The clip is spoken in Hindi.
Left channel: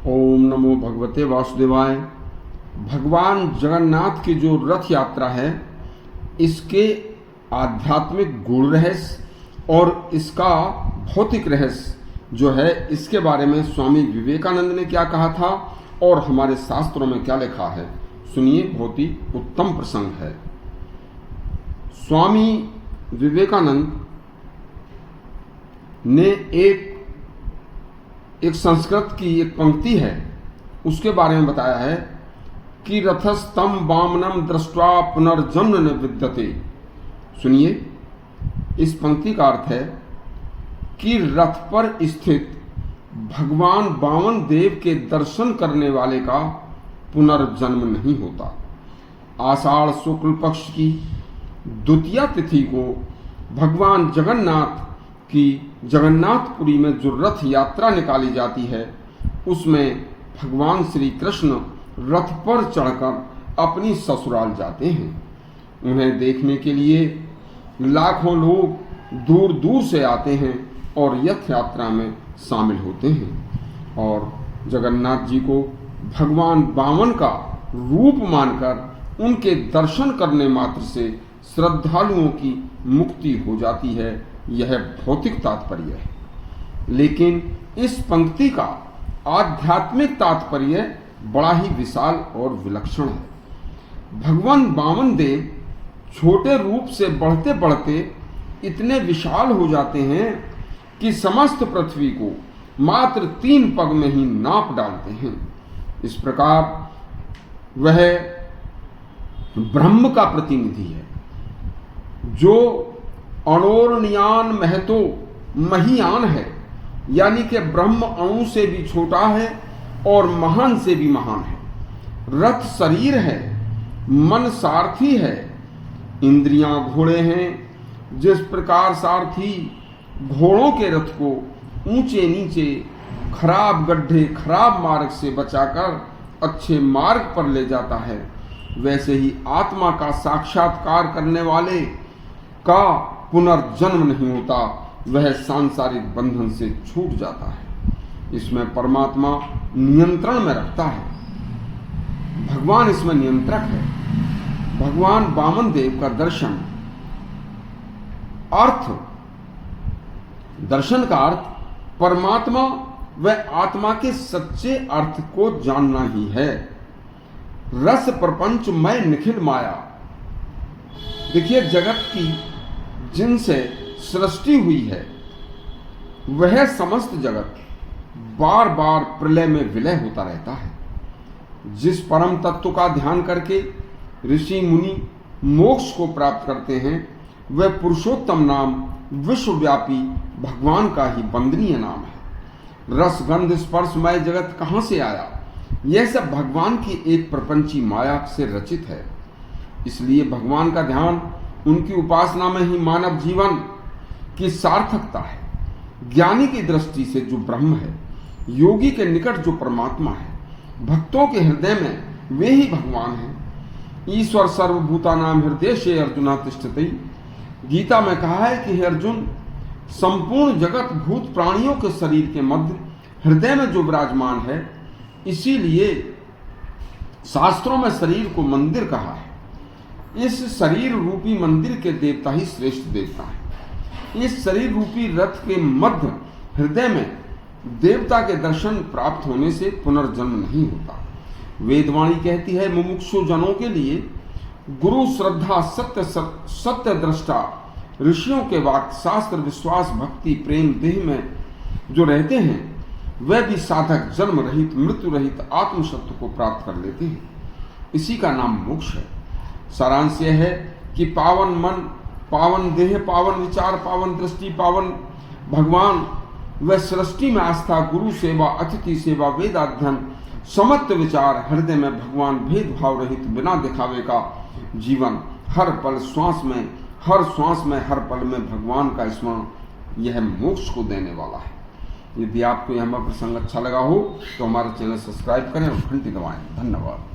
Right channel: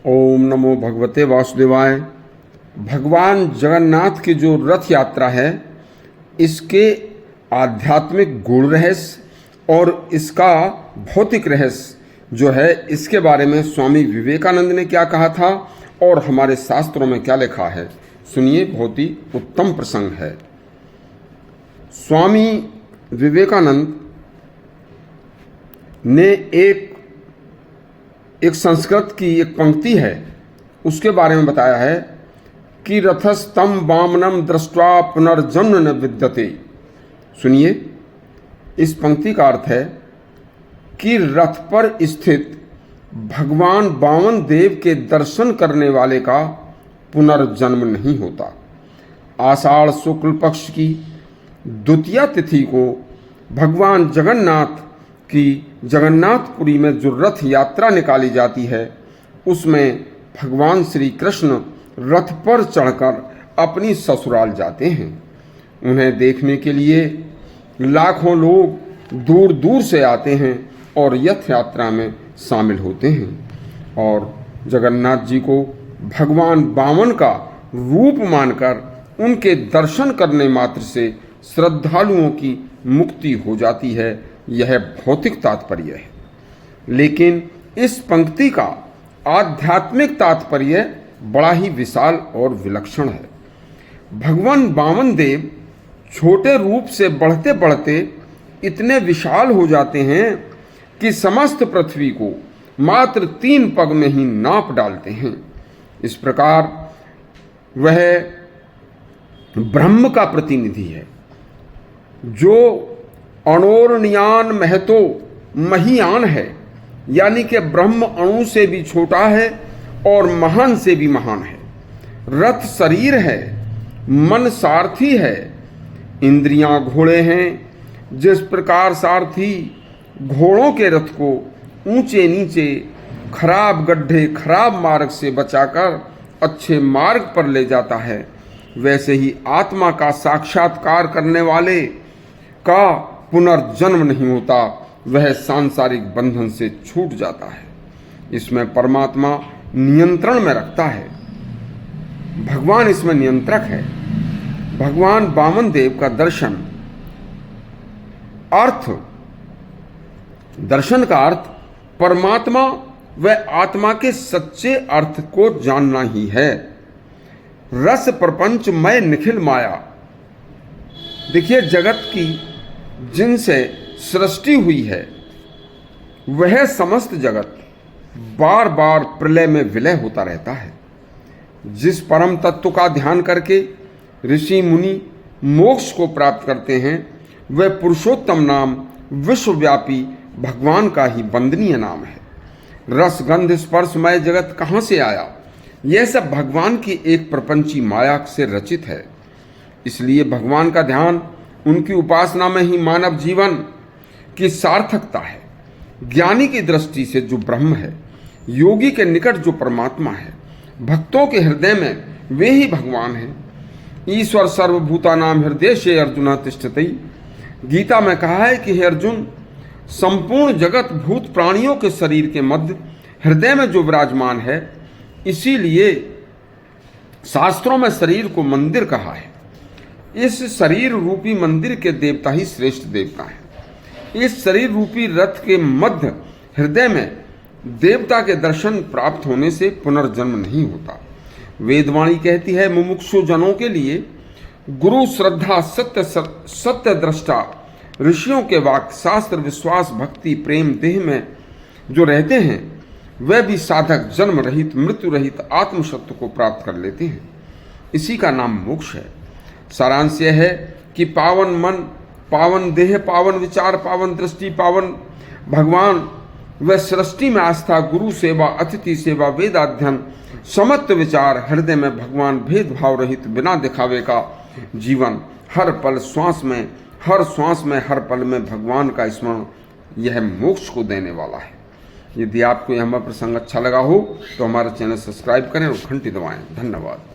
ओम नमो भगवते वासुदेवाय। भगवान जगन्नाथ की जो रथ यात्रा है, इसके आध्यात्मिक गुण रहस्य और इसका भौतिक रहस्य जो है, इसके बारे में स्वामी विवेकानंद ने क्या कहा था और हमारे शास्त्रों में क्या लिखा है, सुनिए। बहुत ही उत्तम प्रसंग है। स्वामी विवेकानंद ने एक संस्कृत की एक पंक्ति है, उसके बारे में बताया है कि रथस्तम वामनम दृष्ट्वा पुनर्जन्म न विद्यते। सुनिए, इस पंक्ति का अर्थ है कि रथ पर स्थित भगवान वामन देव के दर्शन करने वाले का पुनर्जन्म नहीं होता। आषाढ़ शुक्ल पक्ष की द्वितीया तिथि को भगवान जगन्नाथ की जगन्नाथपुरी में जो रथ यात्रा निकाली जाती है, उसमें भगवान श्री कृष्ण रथ पर चढ़कर अपनी ससुराल जाते हैं। उन्हें देखने के लिए लाखों लोग दूर दूर से आते हैं और रथ यात्रा में शामिल होते हैं और जगन्नाथ जी को भगवान वामन का रूप मानकर उनके दर्शन करने मात्र से श्रद्धालुओं की मुक्ति हो जाती है। यह भौतिक तात्पर्य है, लेकिन इस पंक्ति का आध्यात्मिक तात्पर्य बड़ा ही विशाल और विलक्षण है। भगवान वामन देव छोटे रूप से बढ़ते बढ़ते इतने विशाल हो जाते हैं कि समस्त पृथ्वी को मात्र 3 पग में ही नाप डालते हैं। इस प्रकार वह ब्रह्म का प्रतिनिधि है, जो अणोरणीयान महतो महियान है, यानी कि ब्रह्म अणु से भी छोटा है और महान से भी महान है। रथ शरीर है, मन सारथी है, इंद्रियां घोड़े हैं। जिस प्रकार सारथी घोड़ों के रथ को ऊंचे नीचे खराब गड्ढे खराब मार्ग से बचाकर अच्छे मार्ग पर ले जाता है, वैसे ही आत्मा का साक्षात्कार करने वाले का पुनर्जन्म नहीं होता, वह सांसारिक बंधन से छूट जाता है। इसमें परमात्मा नियंत्रण में रखता है, भगवान इसमें नियंत्रक है। भगवान वामन देव का दर्शन का अर्थ परमात्मा व आत्मा के सच्चे अर्थ को जानना ही है। रस प्रपंच मय निखिल माया। देखिए, जगत की जिनसे सृष्टि हुई है, वह समस्त जगत बार बार प्रलय में विलय होता रहता है। जिस परम तत्व का ध्यान करके ऋषि मुनि मोक्ष को प्राप्त करते हैं, वह पुरुषोत्तम नाम विश्वव्यापी भगवान का ही वंदनीय नाम है। रस गंध स्पर्शमय जगत कहाँ से आया? यह सब भगवान की एक प्रपंची माया से रचित है। इसलिए भगवान का ध्यान, उनकी उपासना में ही मानव जीवन की सार्थकता है। ज्ञानी की दृष्टि से जो ब्रह्म है, योगी के निकट जो परमात्मा है, भक्तों के हृदय में वे ही भगवान हैं। ईश्वर सर्वभूतानां हृदय से अर्जुन तिष्ठति। गीता में कहा है कि हे अर्जुन, संपूर्ण जगत भूत प्राणियों के शरीर के मध्य हृदय में जो विराजमान है, इसीलिए शास्त्रों में शरीर को मंदिर कहा है। इस शरीर रूपी मंदिर के देवता ही श्रेष्ठ देवता हैं। इस शरीर रूपी रथ के मध्य हृदय में देवता के दर्शन प्राप्त होने से पुनर्जन्म नहीं होता। वेदवाणी कहती है, मुमुक्षु जनों के लिए गुरु श्रद्धा सत्य दृष्टा ऋषियों के वाक्य शास्त्र विश्वास भक्ति प्रेम देह में जो रहते हैं, वे भी साधक जन्म रहित मृत्यु रहित आत्म सत्य को प्राप्त कर लेते हैं। इसी का नाम मोक्ष है। सारांश यह है कि पावन मन, पावन देह, पावन विचार, पावन दृष्टि, पावन भगवान व सृष्टि में आस्था, गुरु सेवा, अतिथि सेवा, वेदाध्ययन, समत्व विचार, हृदय में भगवान, भेदभाव रहित बिना दिखावे का जीवन, हर पल श्वास में, हर पल में भगवान का स्मरण, यह मोक्ष को देने वाला है। यदि आपको यह हमारा प्रसंग अच्छा लगा हो तो हमारा चैनल सब्सक्राइब करें और घंटी दबाएं। धन्यवाद।